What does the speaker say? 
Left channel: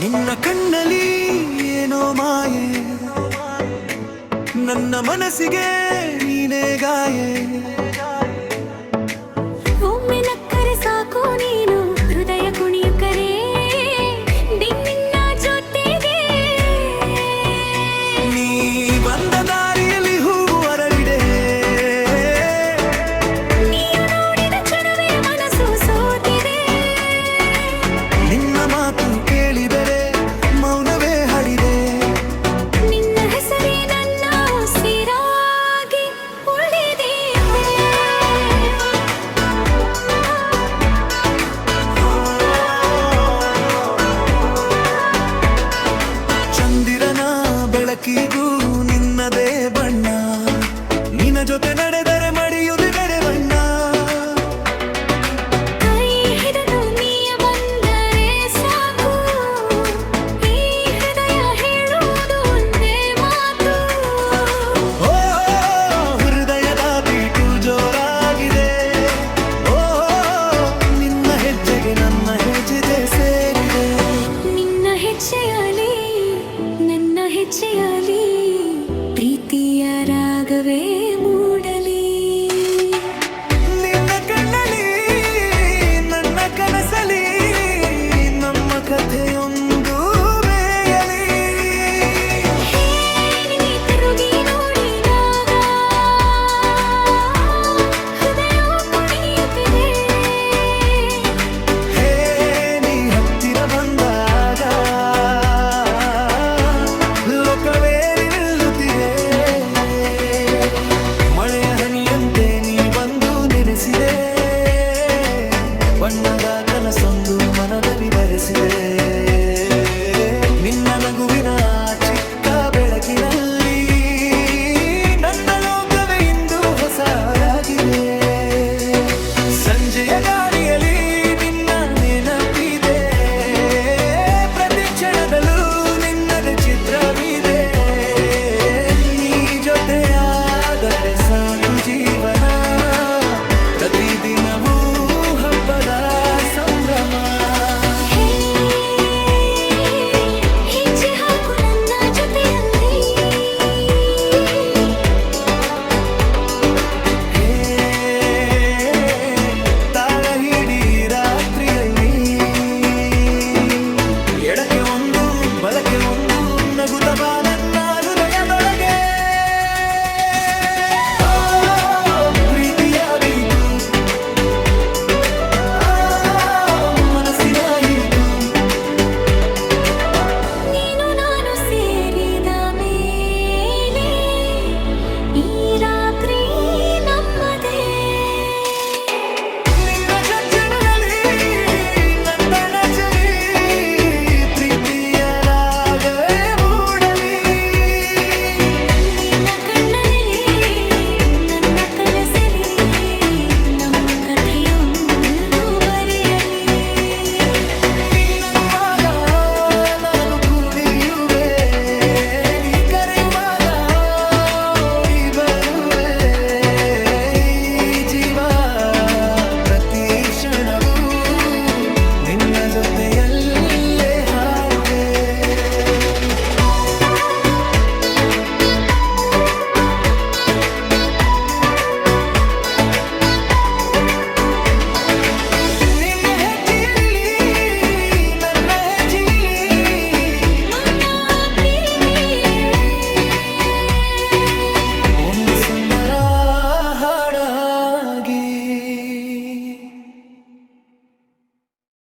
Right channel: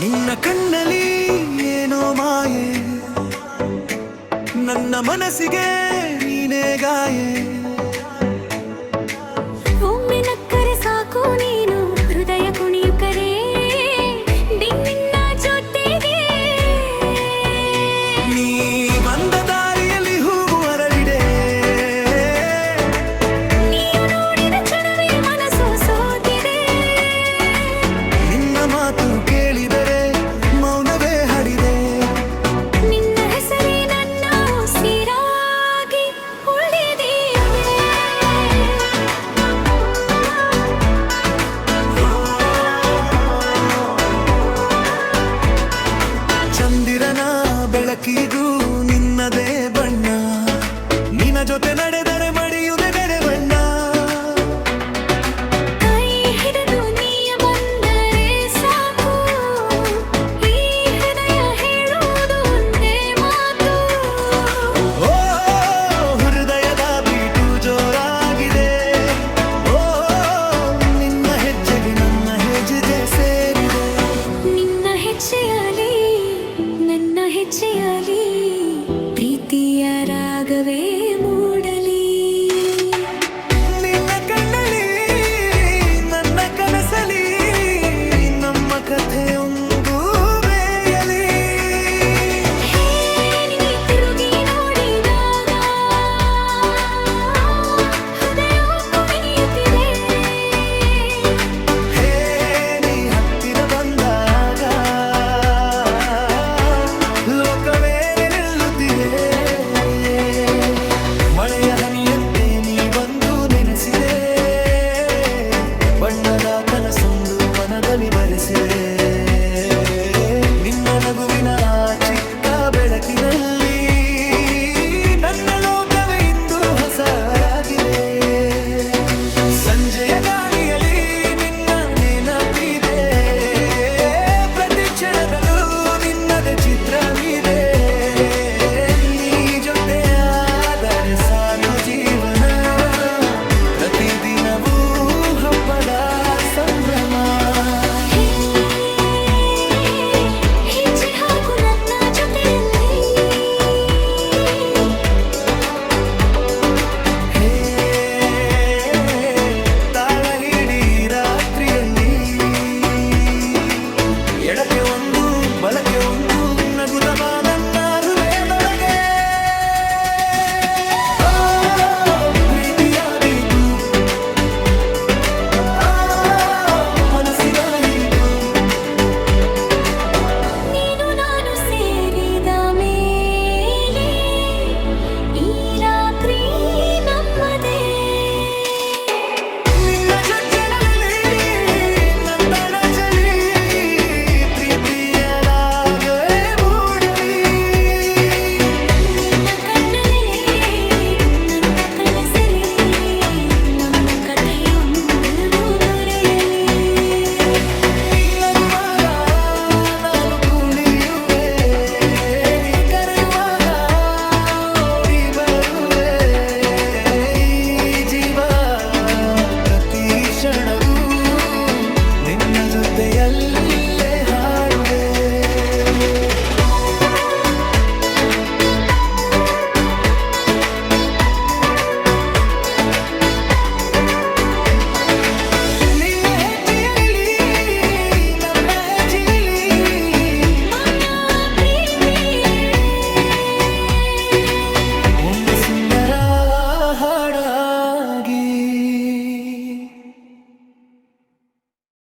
ನಿನ್ನ ಕಣ್ಣಲ್ಲಿ ಏನೋ ಮಾಯೆ, ನನ್ನ ಮನಸ್ಸಿಗೆ ನೀನೇ ಗಾಯೆ. ಒಮ್ಮೆ ನಕ್ಕರೆ ಸಾಕು ನೀನು ಹೃದಯ ಕುಣಿಯುಕರೆ ನಿನ್ನ ಜೊತೆಗೆ. ನೀ ಬಂದ ದಾರಿಯಲ್ಲಿ ಹೂವು ಅರಳಿದೆ, ನೀನು ನೋಡಿದ ಕ್ಷಣವೇ ಮನಸ್ಸು ಸೋತಿದೆ. ನಿನ್ನ ಮಾತು ಕೇಳಿದರೆ ಮೌನವೇ ಹಡಿದೆ. ನಿನ್ನ ಹೆಸರೇ ನನ್ನ ಉಸಿರಾಗಿ ಉಳಿದಿದೆ. ಚಂದಿರನ ಬೆಳಕಿಗೂ ನಿನ್ನದೇ ಬಣ್ಣ, ನಿನ್ನ ಜೊತೆ ನಡೆದರೆ ಮಡಿಯುದೆ ಬೇರೆ ಬಣ್ಣ. ಕೈ ಹಿಡಿದು ನೀಯ ಬಂದರೆ ಸಾಕು, ಈ ಹೃದಯ ಹೇಳುವುದು ಒಂದೇ ಮಾತು. ಓ ಹೃದಯದ ಬೀಟು ಜೋರಾಗಿದೆ, ಓ ನಿನ್ನ ಹೆಜ್ಜೆಗೆ ನನ್ನ ಹೆಜ್ಜೆ ಸೇರಿದೆ. ನಿನ್ನ ಹೆಜ್ಜೆಯಲಿ ನನ್ನ ಹೆಜ್ಜೆಯಲಿ ಪ್ರೀತಿಯ ರಾಗವೇ ಮೂಡಲಿ. ನಿನ್ನ ಕಣ್ಣಲ್ಲಿ ನನ್ನ ಕನಸಲಿ ನಮ್ಮ ಕಥೆಯೊಂದು ಬೇಯಲಿ. ಹೇ ನೀ ತಿರುಗಿ ನೋಡಿದಾಗ ಹೃದಯ ಕುಣಿಯುತ್ತಿದೆ. ಹೇ ನೀ ಹತ್ತಿರ ಬಂದಾಗ ಲೋಕವೇ ನಿಲ್ಲುತ್ತಿದೆ. ಮಳೆಯ ಹನಿಯಂತೆ ನೀ ಬಂದು ನೆನೆಸಿದೆ, ಬಣ್ಣದ ಕನಸೊಂದು ಮನದಲ್ಲಿ ಬರೆಸಿದೆ. ನಿನ್ನ ನಗುವಿನ ಚಿಕ್ಕ ಬೆಳಕಿನಲ್ಲಿ ನನ್ನ ಲೋಕವೇ ಇಂದು ಹೊಸದಾಗಿದೆ. ಸಂಜೆಯ ಗಾಳಿಯಲ್ಲಿ ನಿನ್ನ ನೆನಪಿದೆ, ಪ್ರತಿ ಕ್ಷಣದಲ್ಲೂ ನಿನ್ನದೇ ಚಿತ್ರವಿದೆ. ನೀ ಜೊತೆಯಾದರೆ ಸಾಕು ಜೀವನ, ಪ್ರತಿದಿನವೂ ಹಬ್ಬದ ಸಂಭ್ರಮ. ಹೇ ಹೆಜ್ಜೆ ಹಾಕು ನನ್ನ ಜೊತೆಯಲ್ಲಿ. ಹೇ ತಾಳ ಹಿಡಿ ರಾತ್ರಿಯಲ್ಲಿ, ಎಡಕ್ಕೆ ಒಂದು ಬಲಕ್ಕೆ ಒಂದು ನಗುತ್ತವ ನನ್ನ ಹೃದಯದೊಳಗೆ. ಓ, ಪ್ರೀತಿಯ ಬೀತು ಮನಸ್ಸಿನ ಈತು. ನೀನು ನಾನು ಸೇರಿದ ಮೇಲೆ ಈ ರಾತ್ರಿ ನಮ್ಮದೇ. ನಿನ್ನ ಜಜ್ಜಣದಲ್ಲಿ ನಂತನ ಚಲಿ, ಪ್ರೀತಿಯ ರಾಗವೇ ಮೂಡಲಿ. ನಿನ್ನ ಕಣ್ಣಲ್ಲಿ ನನ್ನ ಕನಸಲಿ ನಮ್ಮ ಕಥೆಯೊಂದು ಬರೆಯಲಿ. ನೀ ನಗುವಾಗ ನಾನು ಕುಣಿಯುವೆ, ನೀ ಕರೆಯುವಾಗ ಓಡಿ ಬರುವೆ. ಈ ಜೀವ ಪ್ರತಿ ಕ್ಷಣವೂ ನಿನ್ನ ಜೊತೆಯಲ್ಲೇ ಹಾಡುವೆ. ನಿನ್ನ ಹೆಜ್ಜೆಯಲ್ಲಿ ನನ್ನ ಹೆಜ್ಜೆಯಲ್ಲಿ ನನ್ನ ಪ್ರೀತಿಯೇ ಒಂದು ಸುಂದರ ಹಾಡಾಗಿ.